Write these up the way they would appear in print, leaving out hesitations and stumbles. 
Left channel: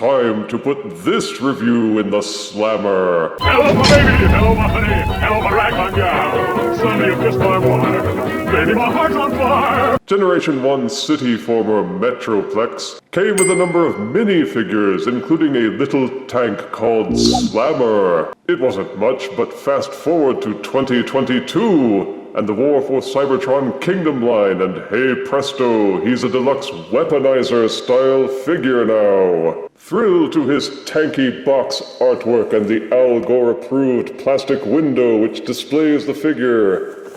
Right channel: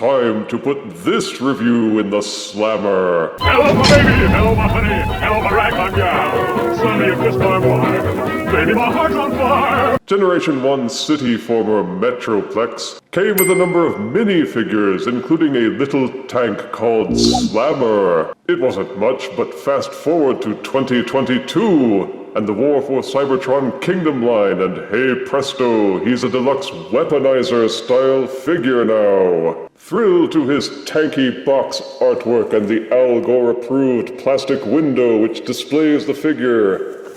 time to put this review in the slammer. Hello, my baby! Hello, my honey! Hello, my ragtime gal! Sonny, you kissed my wife! Baby, my heart's on fire! Generation 1 city former Metroplex came with a number of minifigures, including a little tank called Slammer. It wasn't much, but fast forward to 2022, and the War for Cybertron Kingdom line, and hey presto, he's a Deluxe Weaponizer style figure now. Thrilled to his tanky box artwork and the Al Gore approved plastic window which displays the figure.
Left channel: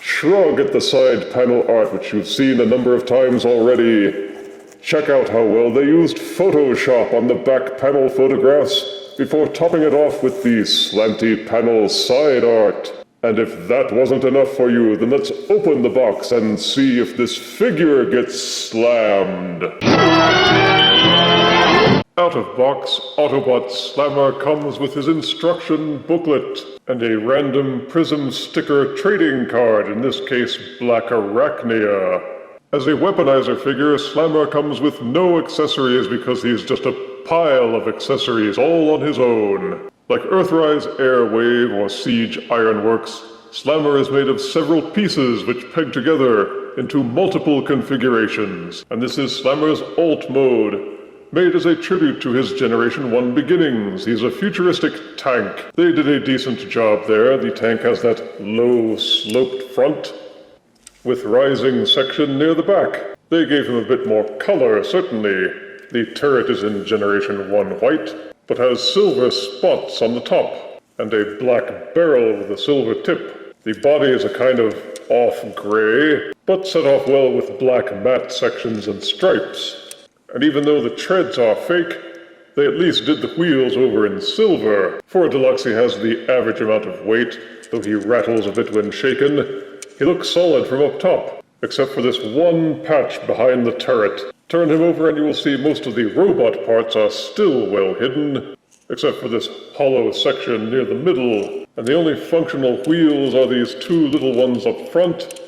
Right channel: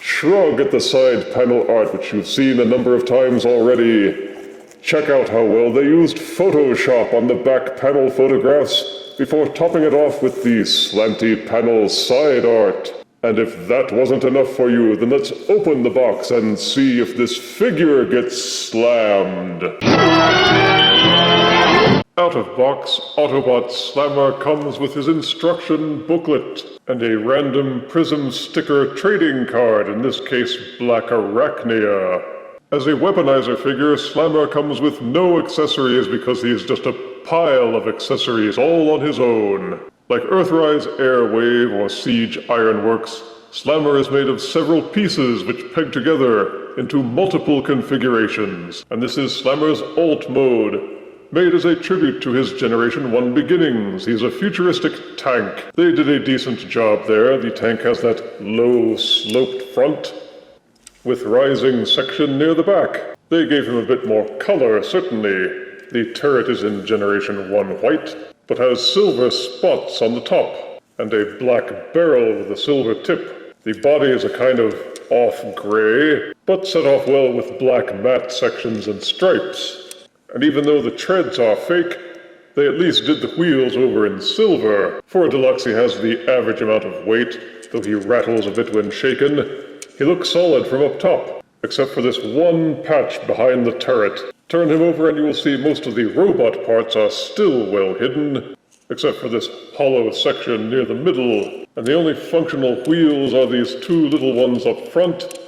Shrug at the side panel art which you've seen a number of times already. Check out how well they used Photoshop on the back panel photographs before topping it off with the slanty panel side art. And if that wasn't enough for you, then let's open the box and see if this figure gets slammed. Out of box, Autobot Slammer comes with his instruction booklet and a random Prism sticker trading card, in this case Black Arachnia. As a Weaponizer figure, Slammer comes with no accessories because he's just a pile of accessories all on his own. Like Earthrise Airwave or Siege Ironworks, Slammer is made of several pieces which peg together into multiple configurations, and this is Slammer's Alt Mode, made as a tribute to his Generation 1 beginnings. He's a futuristic tank. They did a decent job there. The tank has that low, sloped front with rising section near the back. They gave him a bit more color, certainly. The turret is in Generation 1 white, but has silver spots on the top, and a black barrel with a silver tip. The body is a kind of off gray, but set off well with black matte sections and stripes. And even though the treads are fake, they at least did the wheels over in silver. For a Deluxe, he has the average amount of weight, though he rattles a bit when shaken. He looks solid from up top, except for this one patch behind the turret. Turn him over and you will see most of the robot parts are still well hidden, except for this hollow section near the middle. And the only functional wheels are these two little ones up front,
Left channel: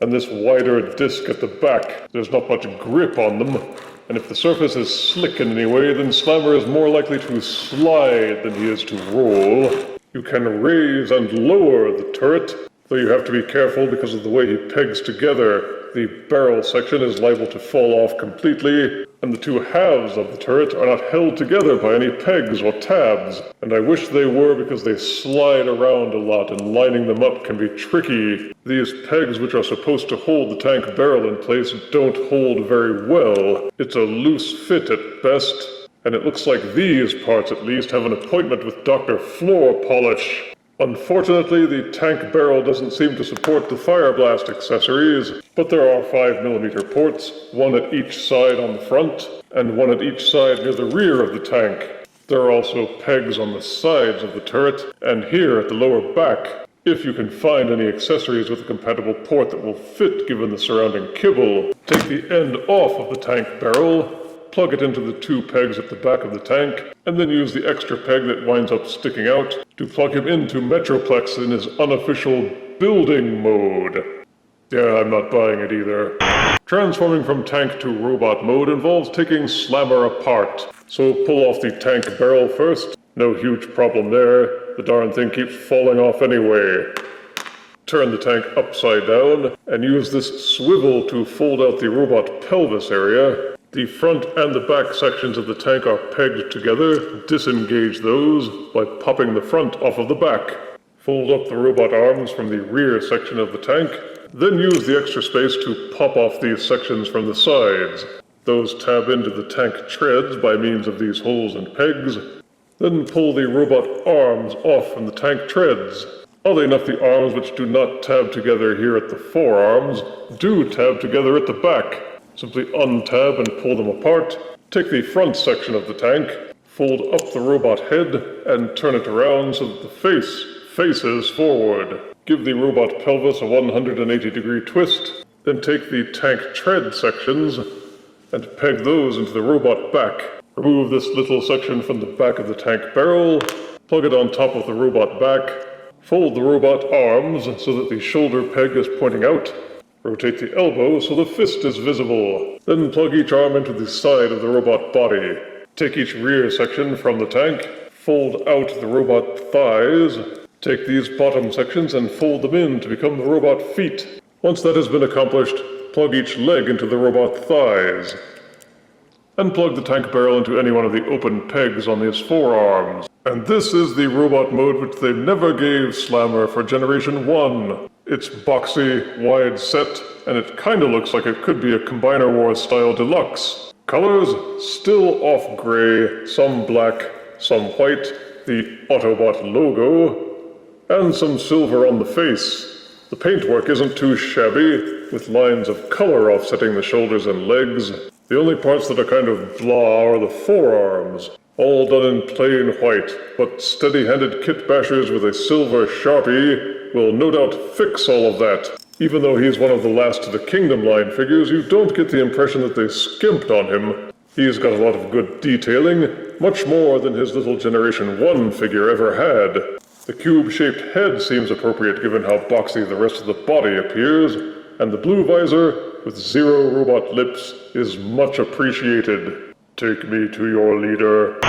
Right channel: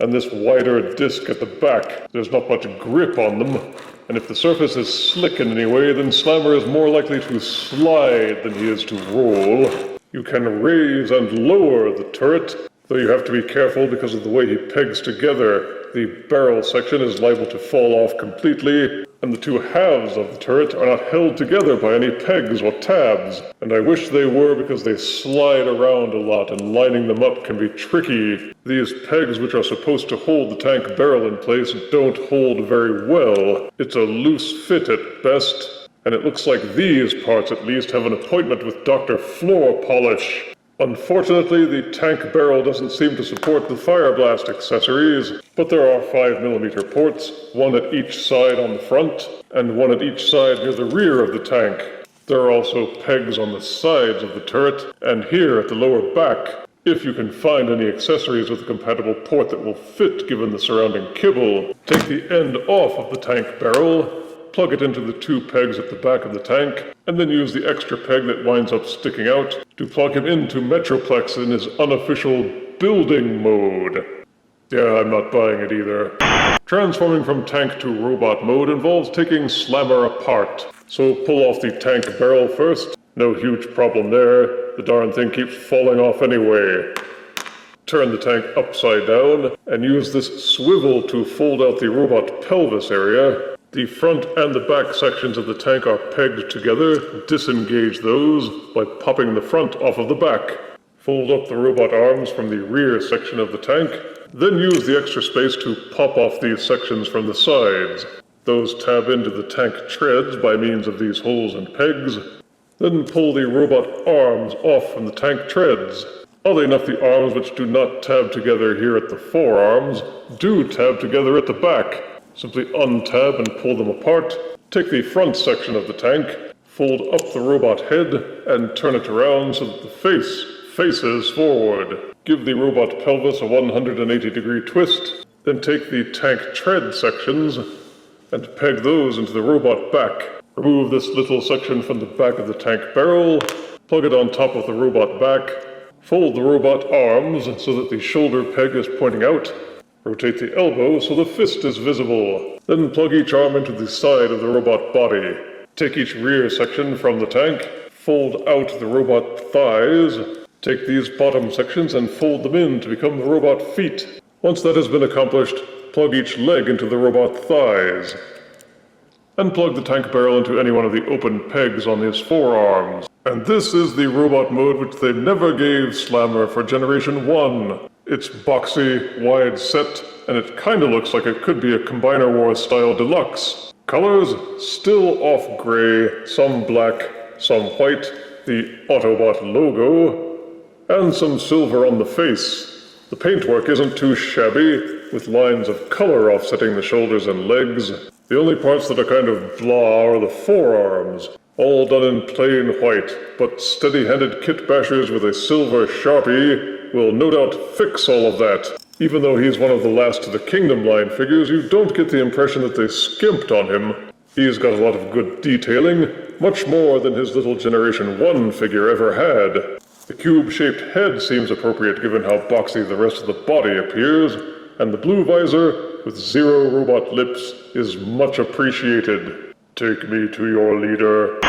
and this wider disc at the back. There's not much grip on them, and if the surface is slick in any way, then Slammer is more likely to slide than he is to roll. You can raise and lower the turret, though you have to be careful because of the way he pegs together. The barrel section is liable to fall off completely, and the two halves of the turret are not held together by any pegs or tabs. And I wish they were, because they slide around a lot, and lining them up can be tricky. These pegs, which are supposed to hold the tank barrel in place, don't hold very well. It's a loose fit at best, and it looks like these parts at least have an appointment with Dr. Floor Polish. Unfortunately, the tank barrel doesn't seem to support the Fireblast accessories, but there are 5mm ports, one at each side on the front, and one at each side near the rear of the tank. There are also pegs on the sides of the turret, and here at the lower back. If you can find any accessories with a compatible port that will fit given the surrounding kibble, take the end off of the tank barrel, plug it into the two pegs at the back of the tank, and then use the extra peg that winds up sticking out to plug him into Metroplex in his unofficial building mode. Yeah, I'm not buying it either. Transforming from tank to robot mode involves taking Slammer apart. So pull off the tank barrel first. No huge problem there. The darn thing keeps falling off anyway. Turn the tank upside down and use this swivel to fold out the robot pelvis area. The front and the back sections of the tank are pegged together. Disengage those by popping the front off of the back. Fold up the robot arms from the rear section of the tank. Then use the extra space to pop off these sections from the sides. Those tab into the tank treads by means of these holes and pegs. Then pull the robot arms off from the tank treads. Oddly enough, the arms which do not tab together here at the forearms do tab together at the back. Simply untab and pull them apart. Take the front section of the tank, fold up the robot head, and turn it around so that the face faces forward. Give the robot pelvis a 180-degree twist, then take the tank tread sections and peg those into the robot back. Remove this little section from the back of the tank barrel, plug it on top of the robot back, fold the robot arms so that the shoulder peg is pointing out, rotate the elbow so the fist is visible, then plug each arm into the side of the robot body. Take each rear section from the tank, fold out the robot thighs, take these bottom sections and fold them in to become the robot feet. Once that has been accomplished, plug each leg into the robot thighs. And plug the tank barrel into any one of the open pegs on his forearms. And this is the robot mode which they never gave Slammer for Generation 1. It's boxy, wide set, and it kinda looks like it could be a Combiner Wars style Deluxe. Colors, still off gray, some black, some white, the Autobot logo, and some silver on the face. The paintwork isn't too shabby, with lines of color offsetting the shoulders and legs. The only parts that are kind of blah are the forearms, all done in plain white, but steady-handed kit bashers with a silver Sharpie will no doubt fix all of that. Even though he's one of the last of the Kingdom line figures, you don't get the impression that they skimped on him. He's got a lot of good detailing, much more than his little Generation 1 figure ever had. The cube-shaped head seems appropriate given how boxy the rest of the body appears, and the blue visor, with 0 robot lips, is much appreciated. Take me to your leader.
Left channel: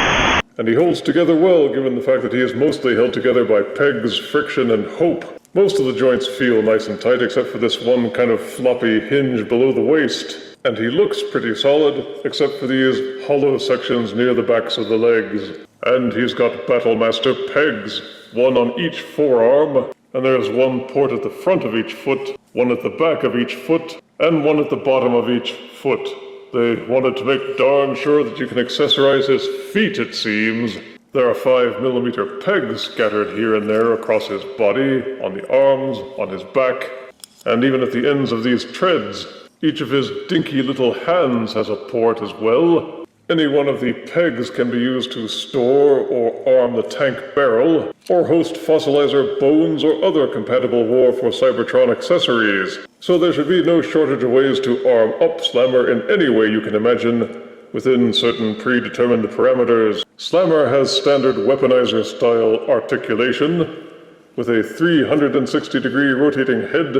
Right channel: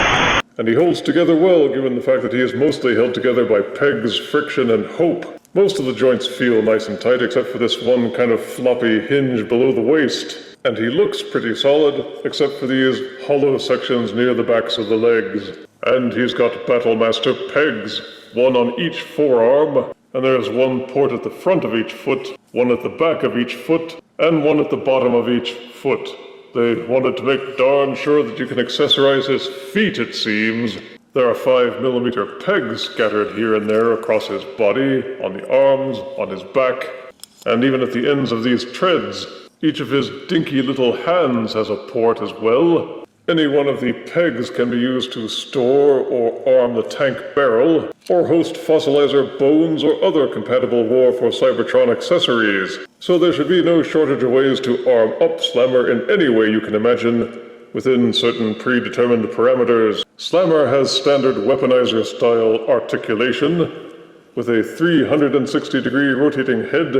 And he holds together well given the fact that he is mostly held together by pegs, friction, and hope. Most of the joints feel nice and tight except for this one kind of floppy hinge below the waist. And he looks pretty solid, except for these hollow sections near the backs of the legs. And he's got Battlemaster pegs, one on each forearm, and there's one port at the front of each foot, one at the back of each foot, and one at the bottom of each foot. They wanted to make darn sure that you can accessorize his feet, it seems. There are 5mm pegs scattered here and there across his body, on the arms, on his back, and even at the ends of these treads. Each of his dinky little hands has a port as well. Any one of the pegs can be used to store or arm the tank barrel, or host fossilizer bones or other compatible War for Cybertron accessories. So there should be no shortage of ways to arm up Slammer in any way you can imagine, within certain predetermined parameters. Slammer has standard Weaponizer style articulation, with a 360-degree rotating head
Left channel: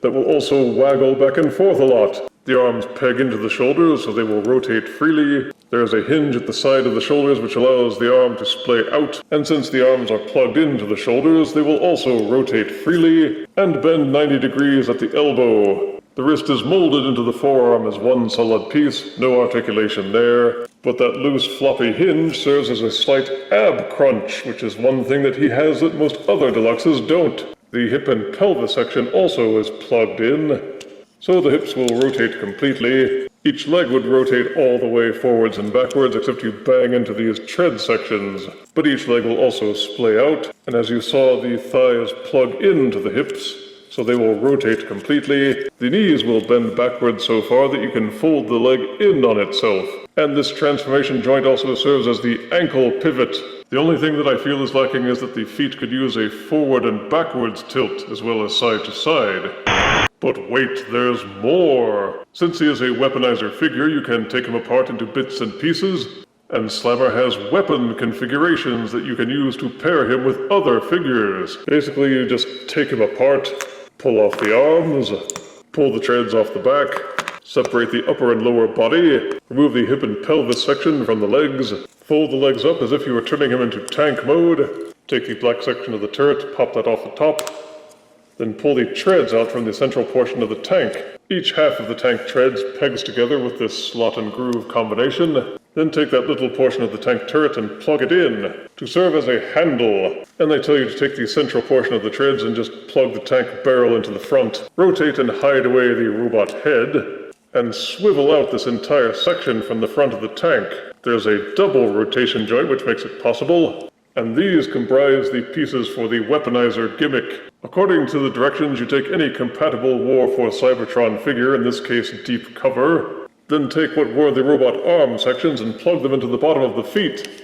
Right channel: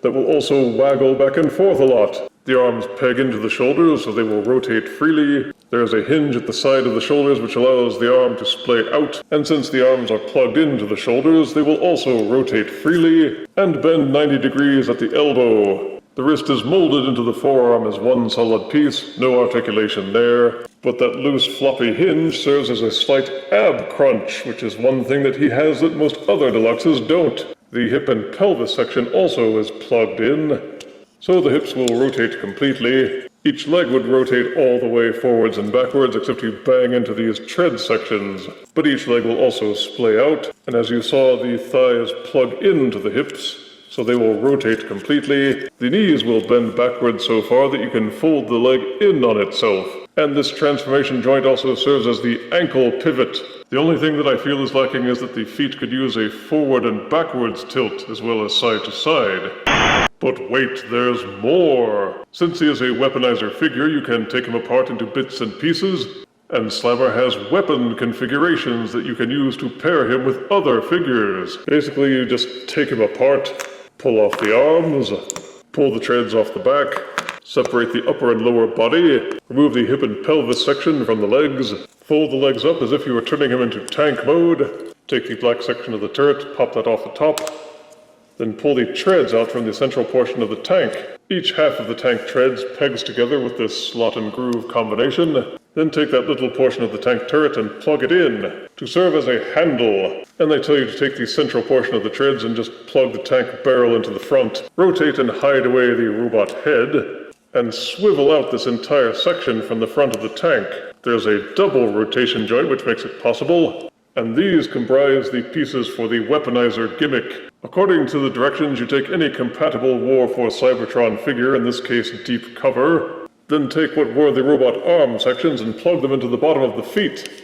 that will also waggle back and forth a lot. The arms peg into the shoulders so they will rotate freely. There is a hinge at the side of the shoulders which allows the arm to splay out, and since the arms are plugged into the shoulders, they will also rotate freely and bend 90 degrees at the elbow. The wrist is molded into the forearm as one solid piece, no articulation there, but that loose floppy hinge serves as a slight ab crunch, which is one thing that he has that most other Deluxes don't. The hip and pelvis section also is plugged in, so the hips will rotate completely. Each leg would rotate all the way forwards and backwards except you bang into these tread sections. But each leg will also splay out, and as you saw, the thighs plug into the hips, so they will rotate completely. The knees will bend backwards so far that you can fold the leg in on itself. And this transformation joint also serves as the ankle pivot. The only thing that I feel is lacking is that the feet could use a forward and backwards tilt as well as side to side. But wait, there's more! Since he is a Weaponizer figure, you can take him apart into bits and pieces, and Slammer has weapon configurations that you can use to pair him with other figures. Basically, you just take him apart, pull off the arms, pull the treads off the back, separate the upper and lower body, remove the hip and pelvis section from the legs, fold the legs up as if you were turning him into tank mode, take the black section of the turret, pop that off the top, then pull the treads out from the central portion of the tank. Each half of the tank treads pegs together with this slot and groove combination. Then take that little portion of the tank turret and plug it in to serve as a handle. And they tell you to take the central portion of the treads and just plug the tank barrel into the front. Rotate and hide away the robot head, and swivel out this entire section from the front of the tank. There's a double rotation joint which makes it possible, and these comprise the pieces for the Weaponizer gimmick. According to the directions, you take any compatible War for Cybertron figure, in this case Deep Cover, then take what were the robot arm sections and plug them into the bottom of the feet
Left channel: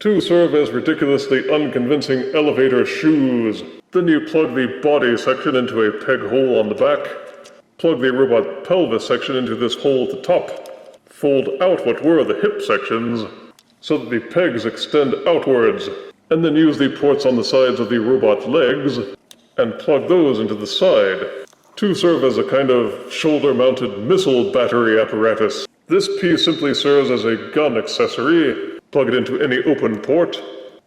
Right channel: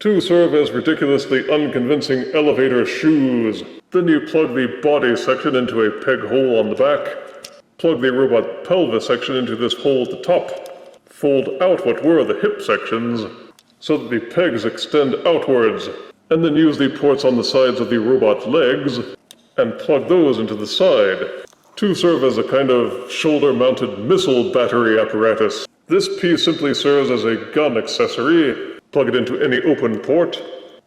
to serve as ridiculously unconvincing elevator shoes. Then you plug the body section into a peg hole on the back, plug the robot pelvis section into this hole at the top, fold out what were the hip sections so that the pegs extend outwards, and then use the ports on the sides of the robot legs and plug those into the side to serve as a kind of shoulder-mounted missile battery apparatus. This piece simply serves as a gun accessory. Plug it into any open port.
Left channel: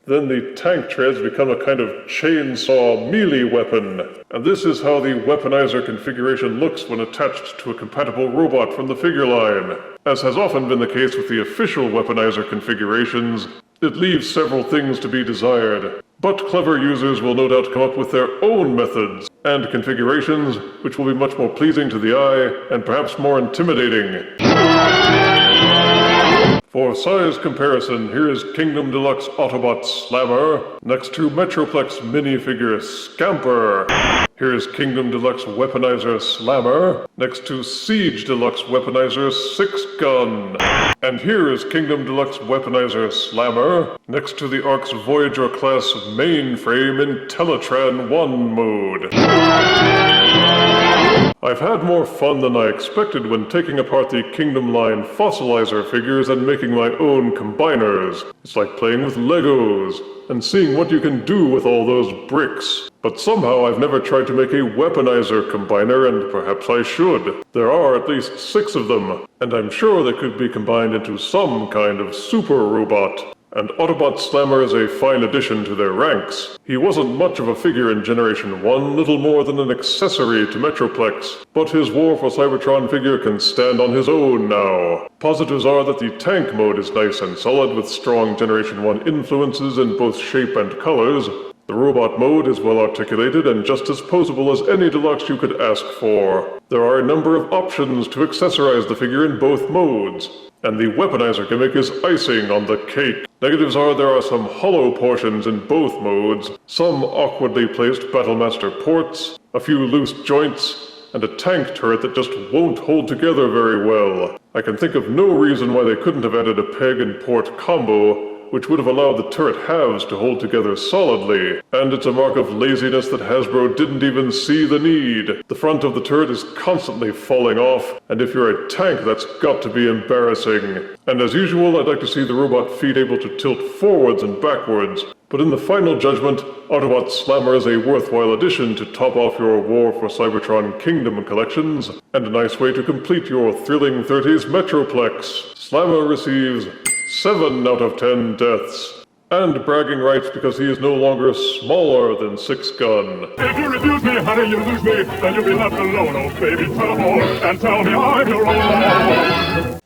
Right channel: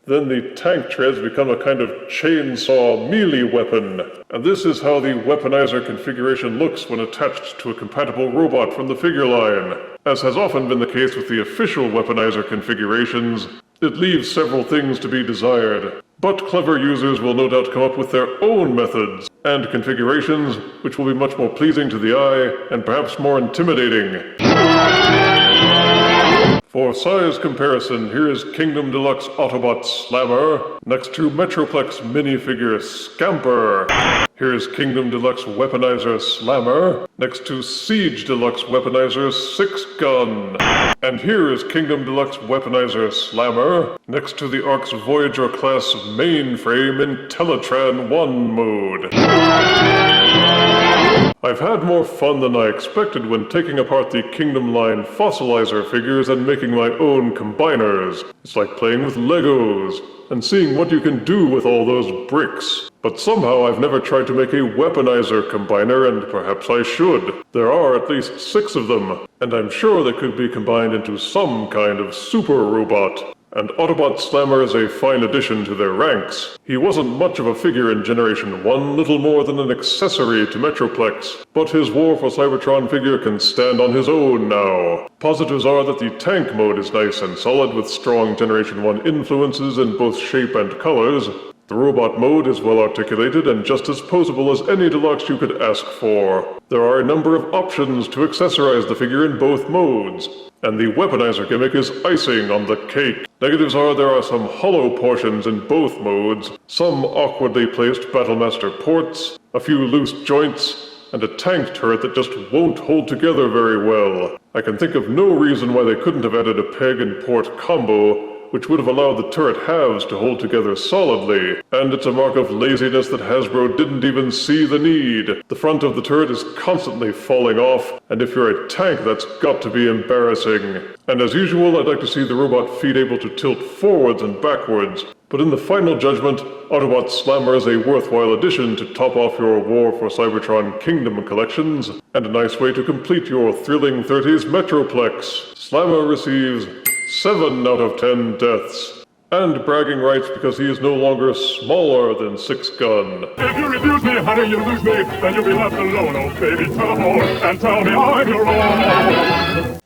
Then the tank treads become a kind of chainsaw melee weapon. And this is how the Weaponizer configuration looks when attached to a compatible robot from the figure line. As has often been the case with the official Weaponizer configurations, it leaves several things to be desired. But clever users will no doubt come up with their own methods and configurations which will be much more pleasing to the eye and perhaps more intimidating. For size comparison, here is Kingdom Deluxe Autobot Slammer next to Metroplex minifigure Scamper. Here's Kingdom Deluxe Weaponizer Slammer next to Siege Deluxe Weaponizer 6-Gun. And here is Kingdom Deluxe Weaponizer Slammer next to the Ark's Voyager class mainframe in Teletran 1 mode. I've had more fun than I expected when taking apart the Kingdom line fossilizer figures and making my own combiners. It's like playing with Legos and seeing what you can do with all those bricks. But somehow I've never tried to make a Weaponizer combiner, and perhaps I should. There are at least 6 of them, and I'm sure they could be combined into some kind of super robot. And Autobot Slammer is a fine addition to their ranks. He wasn't much of a figure in Generation 1, little more than an accessory to Metroplex, but his War for Cybertron figure can stand on his own now. Positives are that the tank mode is nice and solid with strong Generation 1 influences in both shape and colors. The robot mode is well articulated and just as posable as any Deluxe you could ask for. There are a number of options to accessorize the figure in both modes, and the Weaponizer gimmick is icing on the cake. Negatives are there are some hollow portions in both modes, some awkwardly placed Battlemaster ports, a few loose joints, and a tank turret that just won't hold together very well. I can think of no reason why they couldn't have added a peg and port combo, which would have allowed the turret halves to hold together solidly. And it's a mark of laziness that Hasbro didn't even see the need. The front of the turret is constantly falling off, and if you're a tank, that's got to be embarrassing. And as usual, I'd like to see the robot feet able to tilt forwards and backwards. But in the final judgment, Autobot Slammer is a worthwhile addition to top off your War for Cybertron Kingdom collections, and a nice way to complete your thrilling 30s Metroplex. Slammer receives 7 out of 10 deaths, and bragging rights because he is no longer smaller than 6-Gun. If you refuse me, honey, you lose me, then you'll be left alone, oh baby, tell them all, and tell me I'm your own.